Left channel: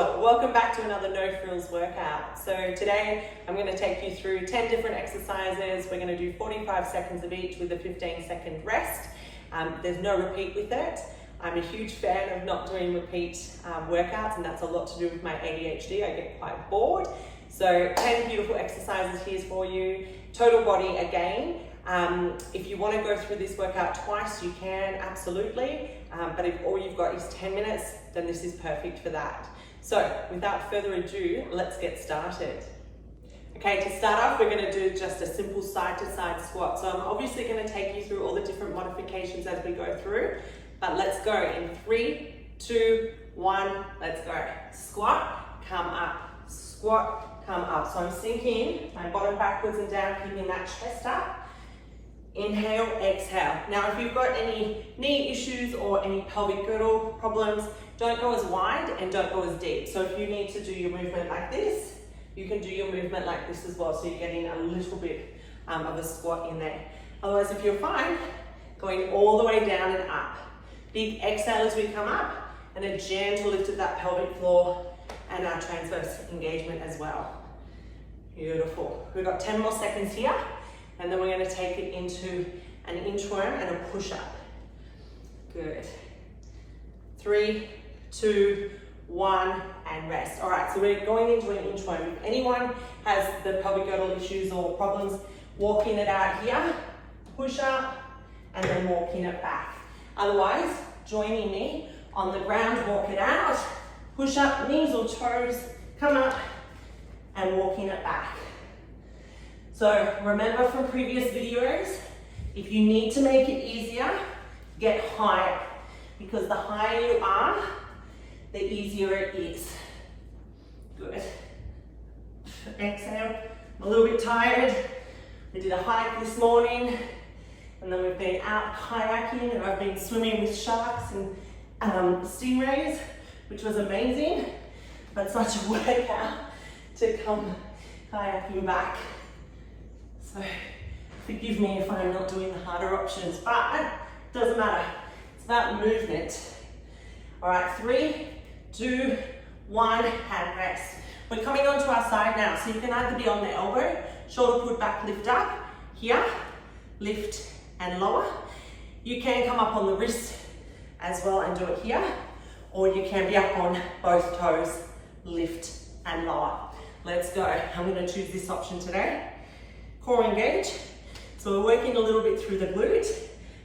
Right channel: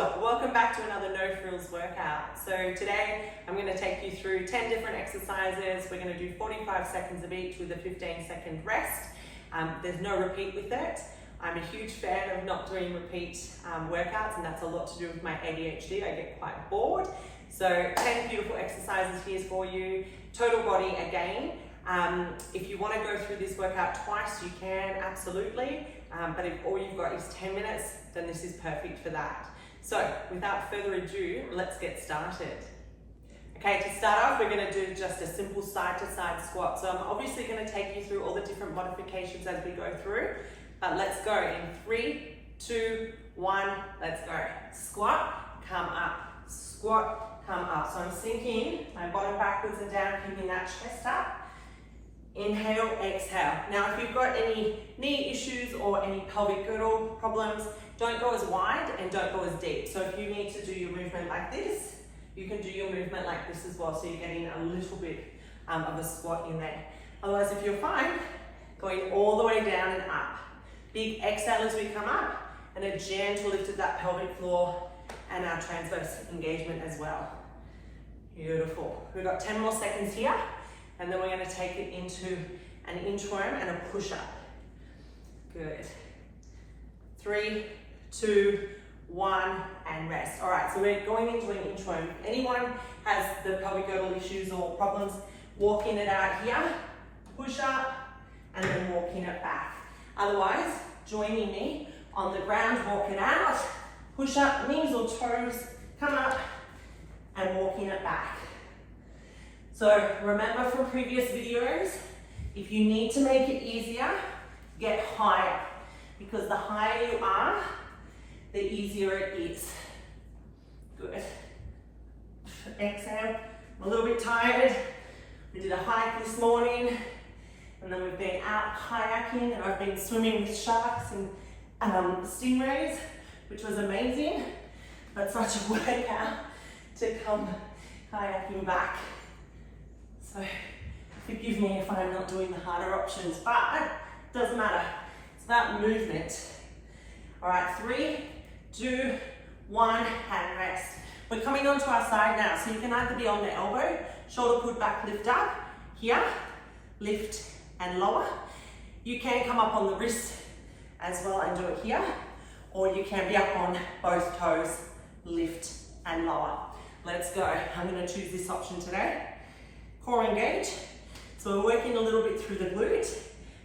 Welcome back to another No Frills workout. So today I'm going to take you through 10 different exercises. We're going to do 45 seconds of each with a 15-second rest. There's no repeat with it. I'm a huge fan of not doing repeat workouts, and that's a lot to do with my ADHD. I get quite bored. So 10 beautiful exercises here for you. Total body again. If you want to go through this workout twice, you can, absolutely. But if all you've got is 10 minutes, then this is perfect for that. So without further ado, let's get started. Okay, to start off, we're going to do just a simple side-to-side squat. So I'm obviously going to take you through all the different modifications as we go through, but let's go in 3, 2, 1, let's go. Squat, come up, squat, come up. So I'm sinking my bottom backwards and down, keeping that chest up. Inhale, exhale. Now, if you've got any knee issues or any pelvic girdle problems, don't go as wide and don't go as deep. So if you need to do your movement like this, you can do your movement like this as well. So you're getting a little bit of a squat in there. Otherwise, if you're fine, going all the way down and up. Big exhale as we come up, and a gentle lift of that pelvic floor and our transverse engagement as well. Beautiful. We've got 10 more seconds here. And then we're going to take it into an inchworm and a push-up. Good. 3, 2, 1, and rest. All right, so we're going into an inchworm. If anyone has the pelvic girdle issues or problems, walking it out here, push up, and then walking it back. Otherwise, joining me on the ground, walk it out, push up, knees or toes, come up, and walking it back. So remember from previous videos, if you need to make it easier, get higher, because the higher you are, the easier it is. Good. Exhale. I'm a little bit tired. We did a hike this morning, and then we've been out kayaking, and I've been swimming with sharks and stingrays, which was amazing, but such a workout to come kayaking back. So forgive me if I'm not doing the harder options, but it doesn't matter. It's about movement. All right, 3, 2, 1, and rest. We're coming onto our side now, so you can either be on the elbow, shoulder put back, lift up, here, lift and lower. You can come up on the wrist as well and do it here, or you can be up on both toes, lift and lower. Let's go. I'm going to choose this option today. Core engage. So we're working a little bit through the glute,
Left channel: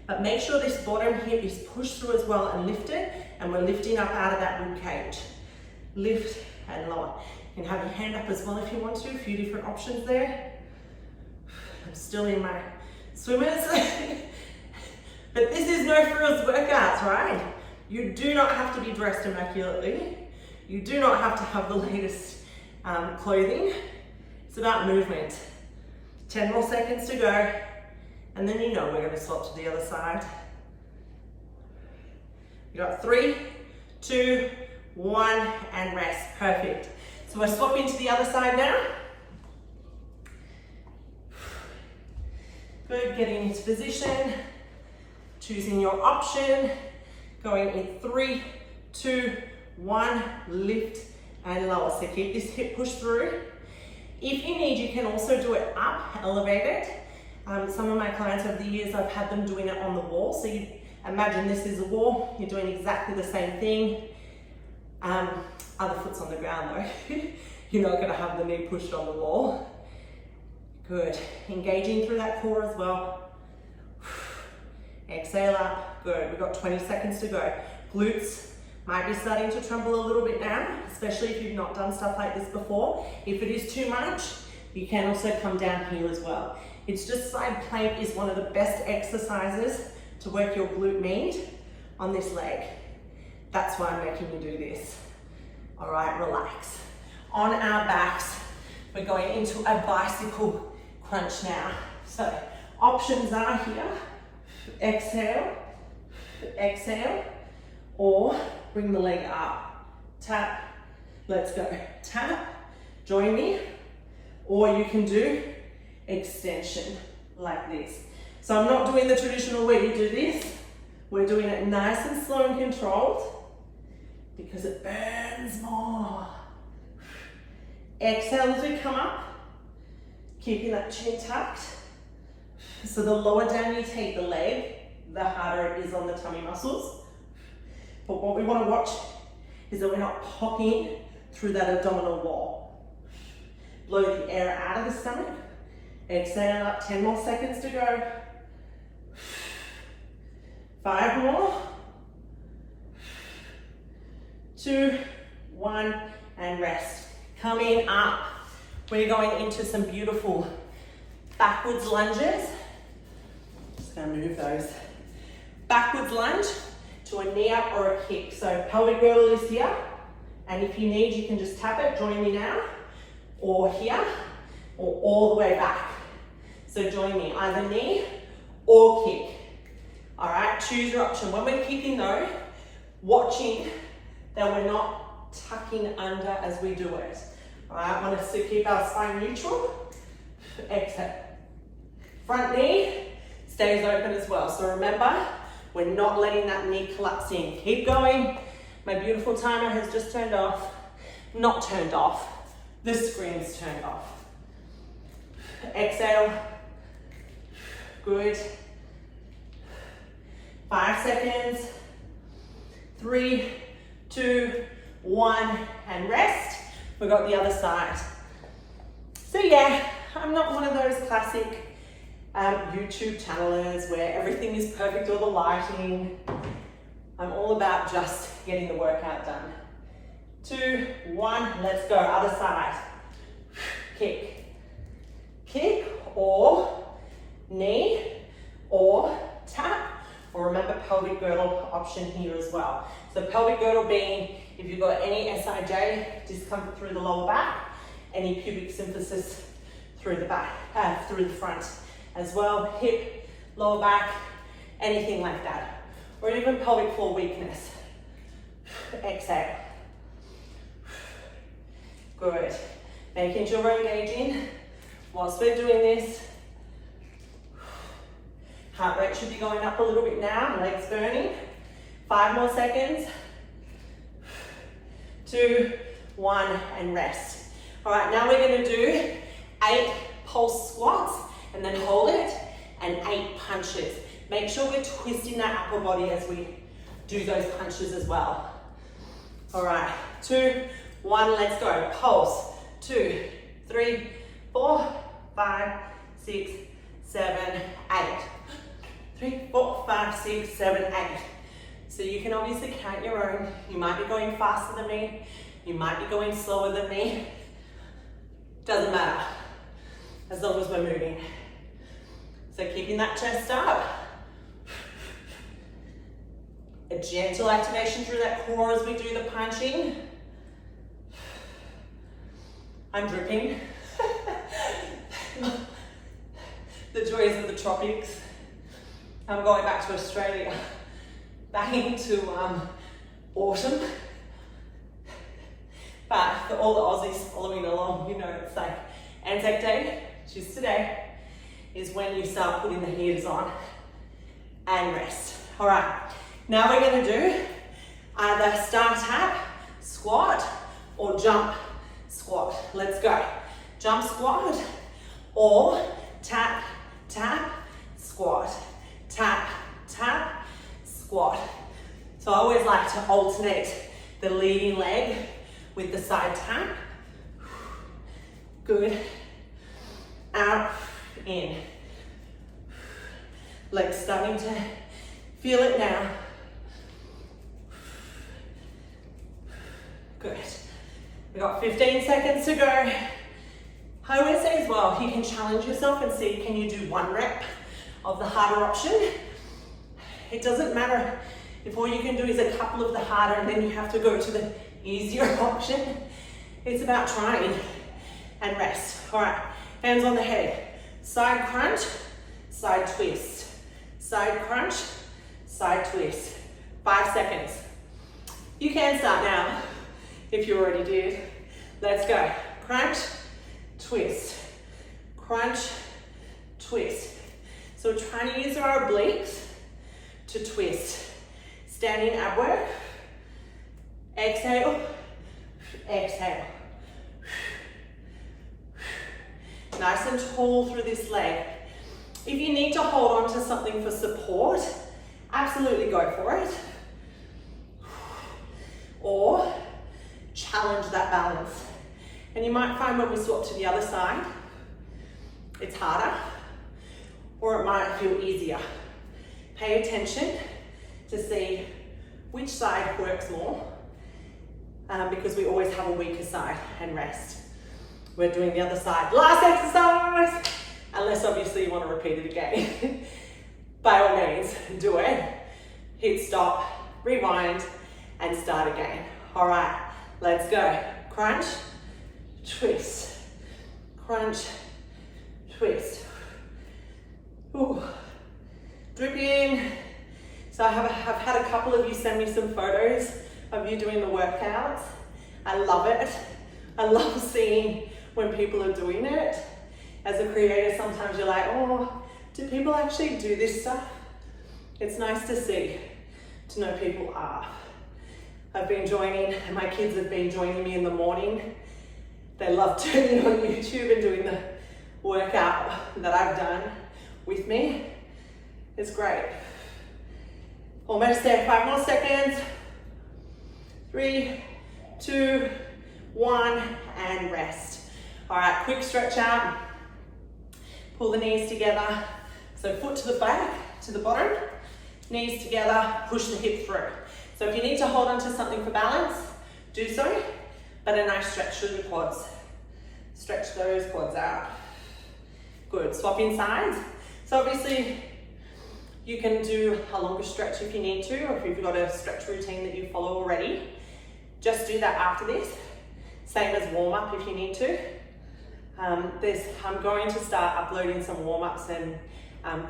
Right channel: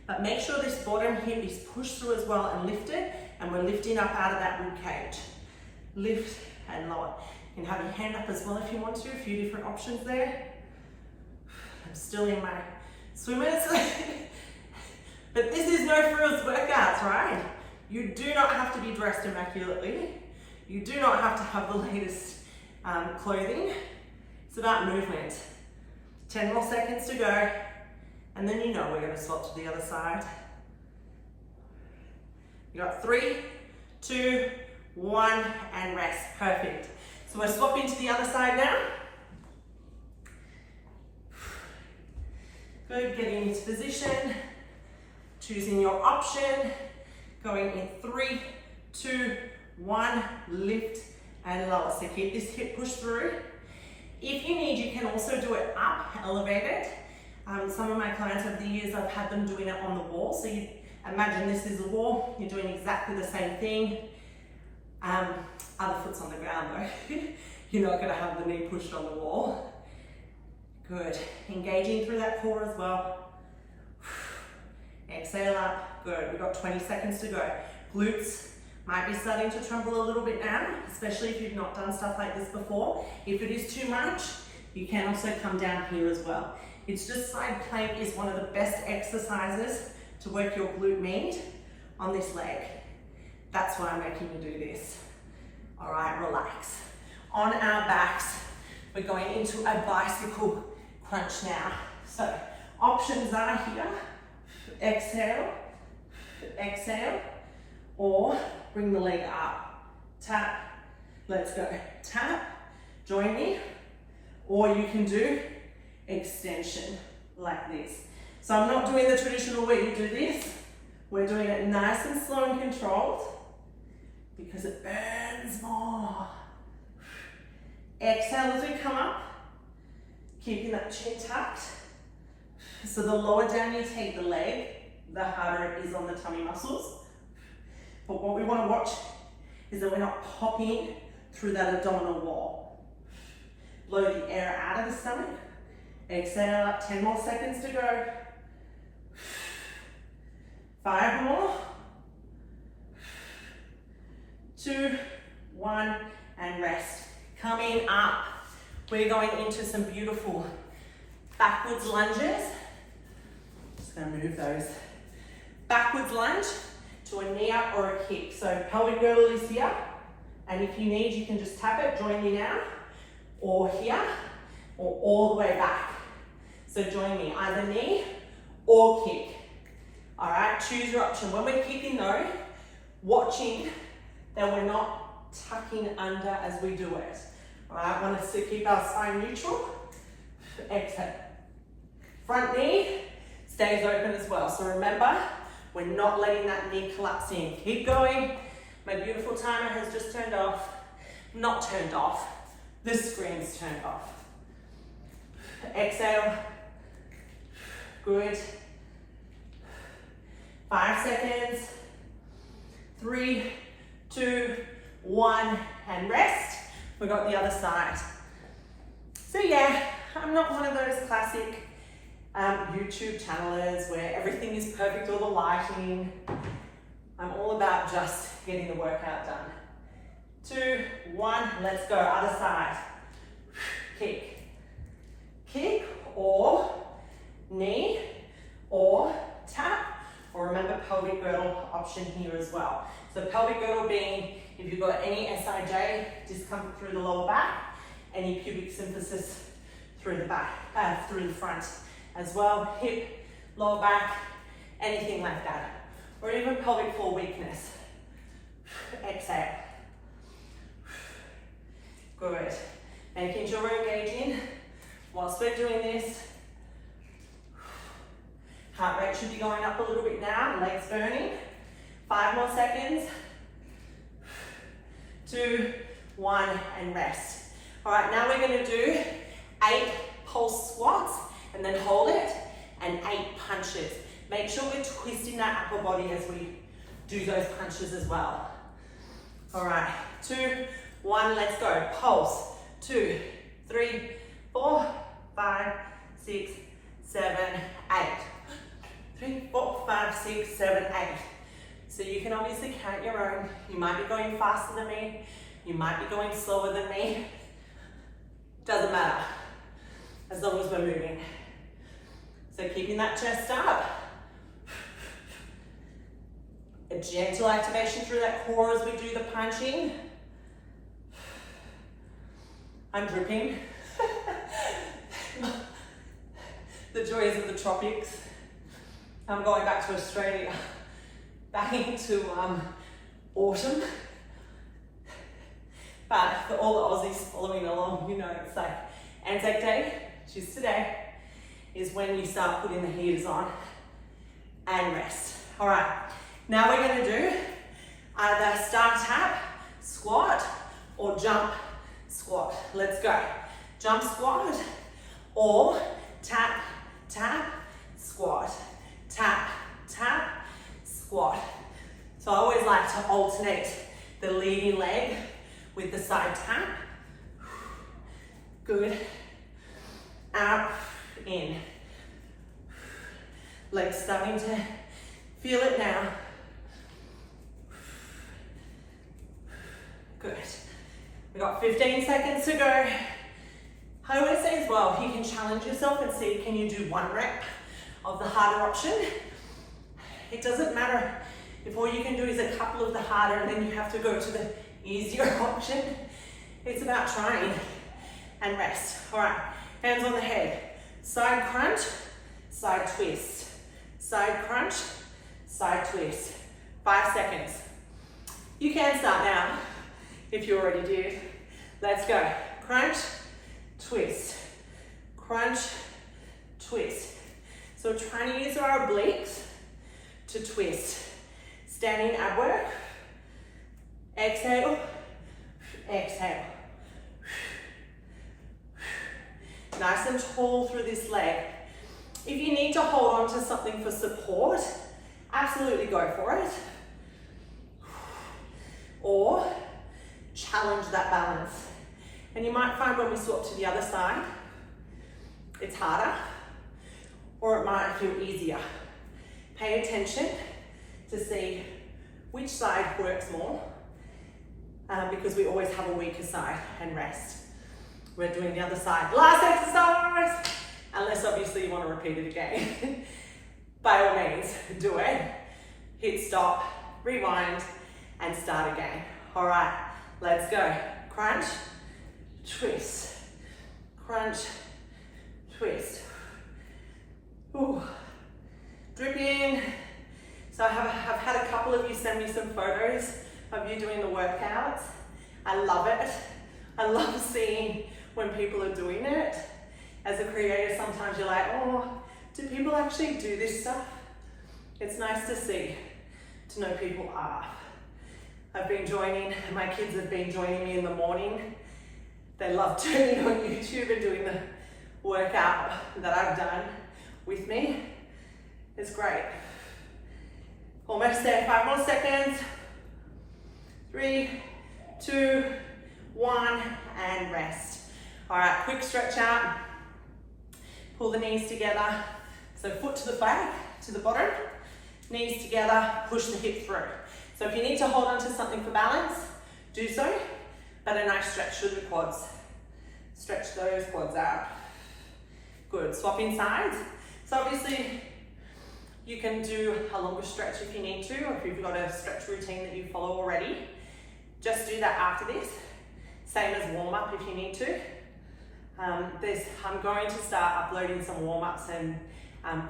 but make sure this bottom hip is pushed through as well and lifted, and we're lifting up out of that rib cage. Lift and lower. You can have your hand up as well if you want to, a few different options there. I'm still in my swimmers. But this is No Frills workouts, right? You do not have to be dressed immaculately. You do not have to have the latest clothing. It's about movement. 10 more seconds to go, and then you know we're going to swap to the other side. You got 3, 2, 1, and rest. Perfect. So we're swapping to the other side now. Good, getting into position, choosing your option, going in 3, 2, 1, lift and lower. So keep this hip pushed through. If you need, you can also do it up, elevated. Some of my clients over the years, I've had them doing it on the wall. So you imagine this is a wall, you're doing exactly the same thing. Other foot's on the ground though. You're not gonna have the knee pushed on the wall. Good, engaging through that core as well. Exhale up, good, we've got 20 seconds to go. Glutes might be starting to tremble a little bit now, especially if you've not done stuff like this before. If it is too much, you can also come down here as well. It's just side plank is one of the best exercises to work your glute med on this leg. That's why I'm making you do this. All right, relax. On our backs, we're going into a bicycle crunch now. So options are here, exhale, exhale, or bring the leg up, tap, let's go, tap, join me, or you can do extension like this. So I'm not doing the traditional way you do this, we're doing it nice and slow and controlled. because it burns more. Exhale as we come up, keeping that chin tucked. So the lower down you take the leg, the harder it is on the tummy muscles. But what we want to watch is that we're not popping through that abdominal wall. Blow the air out of the stomach. Exhale up, 10 more seconds to go. 5 more. 2, 1, and rest. Coming up, we're going into some beautiful backwards lunges. Just gonna move those. Backwards lunge to a knee up or a kick. So pelvic girdle is here, and if you need, you can just tap it, join me now, or here, or all the way back. So join me, either knee or kick. All right, choose your option. When we're kicking though, watching that we're not tucking under as we do it. All right, want us to keep our spine neutral. Exhale. Front knee stays open as well. So remember, we're not letting that knee collapse in. Keep going. My beautiful timer has just turned off. Not turned off. The screen's turned off. Exhale. Good. 5 seconds. 3, 2, 1, and rest. We've got the other side. So yeah, I'm not one of those classic YouTube channelers where everything is perfect, all the lighting. I'm all about just getting the workout done. 2, 1, let's go, other side. Kick. Kick or knee or tap, or remember pelvic girdle option here as well. So pelvic girdle being if you've got any SIJ discomfort through the lower back, any pubic symphysis through the back, through the front as well, hip, lower back, anything like that, or even pelvic floor weakness. Exhale. Good. Making sure we're engaging whilst we're doing this. Heart rate should be going up a little bit now, legs burning. 5 more seconds. 2, 1, and rest. All right, now we're gonna do 8 pulse squats and then hold it, and 8 punches. Make sure we're twisting that upper body as we do those punches as well. All right, 2, 1, let's go. Pulse, 2, 3, 4, 5, 6, 7, 8. 3, 4, 5, 6, 7, 8. So you can obviously count your own. You might be going faster than me. You might be going slower than me. Doesn't matter, as long as we're moving. So keeping that chest up. A gentle activation through that core as we do the punching. I'm dripping. The joys of the tropics. I'm going back to Australia, back into autumn. But for all the Aussies following along, you know, it's like Anzac Day, which is today, is when you start putting the heaters on and rest. All right, now we're gonna do either star tap, squat, or jump squat. Let's go. Jump squat, or tap, tap, squat. Tap, tap, squat. So I always like to alternate the leading leg with the side tap. Good. Out, in. Legs starting to feel it now. Good. We've got 15 seconds to go. I always say as well, you can challenge yourself and see, can you do 1 rep of the harder option? It doesn't matter if all you can do is a couple of the harder and then you have to go to the easier option. It's about trying and rest. All right, hands on the head. Side crunch, side twist. Side crunch, side twist. 5 seconds. You can start now if you already did. Let's go. Crunch, twist. Crunch, twist. So we're trying to use our obliques to twist. Standing ab work Exhale, exhale. Nice and tall through this leg. If you need to hold on to something for support, absolutely go for it. Or challenge that balance. And you might find when we swap to the other side, it's harder, or it might feel easier. Pay attention to see which side works more, because we always have a weaker side, and rest. We're doing the other side. Last exercise, unless obviously you want to repeat it again. By all means, do it. Hit stop, rewind, and start again. All right, let's go. Crunch, twist, crunch, twist. Ooh. Drip in. So I've had a couple of you send me some photos of you doing the workouts. I love it. I love seeing when people are doing it. As a creator, sometimes you're like, oh, do people actually do this stuff? It's nice to see, to know people are. I've been joining, my kids have been joining me in the morning. They love turning on YouTube and doing the workout that I've done with me. It's great. Almost there, 5 more seconds. 3, 2, 1, and rest. All right, quick stretch out. Pull the knees together. So foot to the back, to the bottom, knees together, push the hip through. So if you need to hold on to something for balance, do so, but a nice stretch through the quads. Stretch those quads out. Good, swapping sides. So obviously you can do a longer stretch if you need to, or if you've got a stretch routine that you follow already. Just do that after this. Same as warm up if you need to. I'm going to start uploading some warm ups and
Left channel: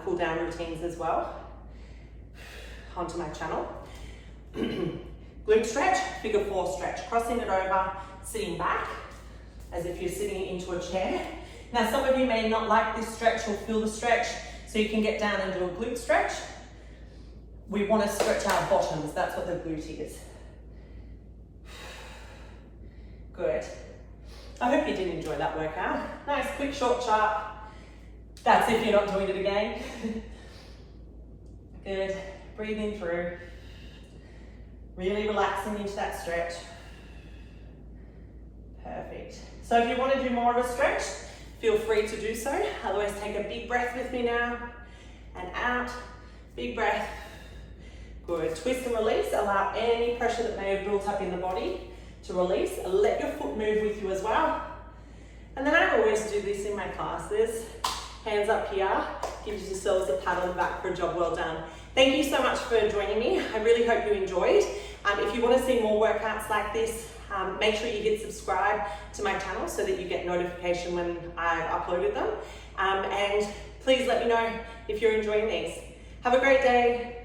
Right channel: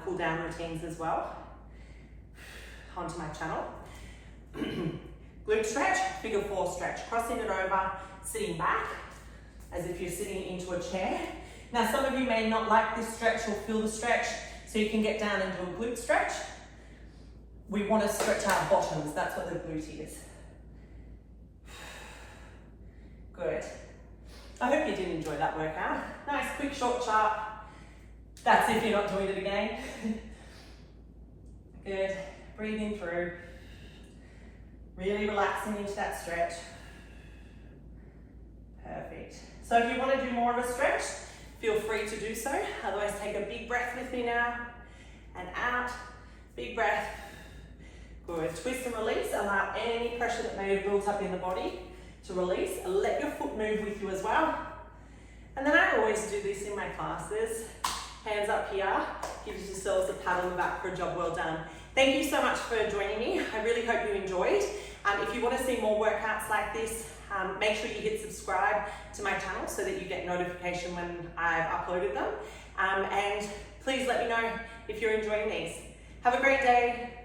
cool down routines as well onto my channel. Glute stretch, figure 4 stretch, crossing it over, sitting back as if you're sitting into a chair. Now some of you may not like this stretch or feel the stretch, so you can get down and do a glute stretch. We want to stretch our bottoms, that's what the glute is. Good. I hope you did enjoy that workout. Nice, quick, short, sharp. That's if you're not doing it again. Good, breathing through. Really relaxing into that stretch. Perfect. So if you want to do more of a stretch, feel free to do so. Otherwise, take a big breath with me now. And out, big breath. Good, twist and release. Allow any pressure that may have built up in the body to release. Let your foot move with you as well. And then I always do this in my classes. Hands up here, give yourselves a pat on the back for a job well done. Thank you so much for joining me. I really hope you enjoyed. If you want to see more workouts like this, make sure you hit subscribe to my channel so that you get notification when I've uploaded them. And please let me know if you're enjoying these. Have a great day.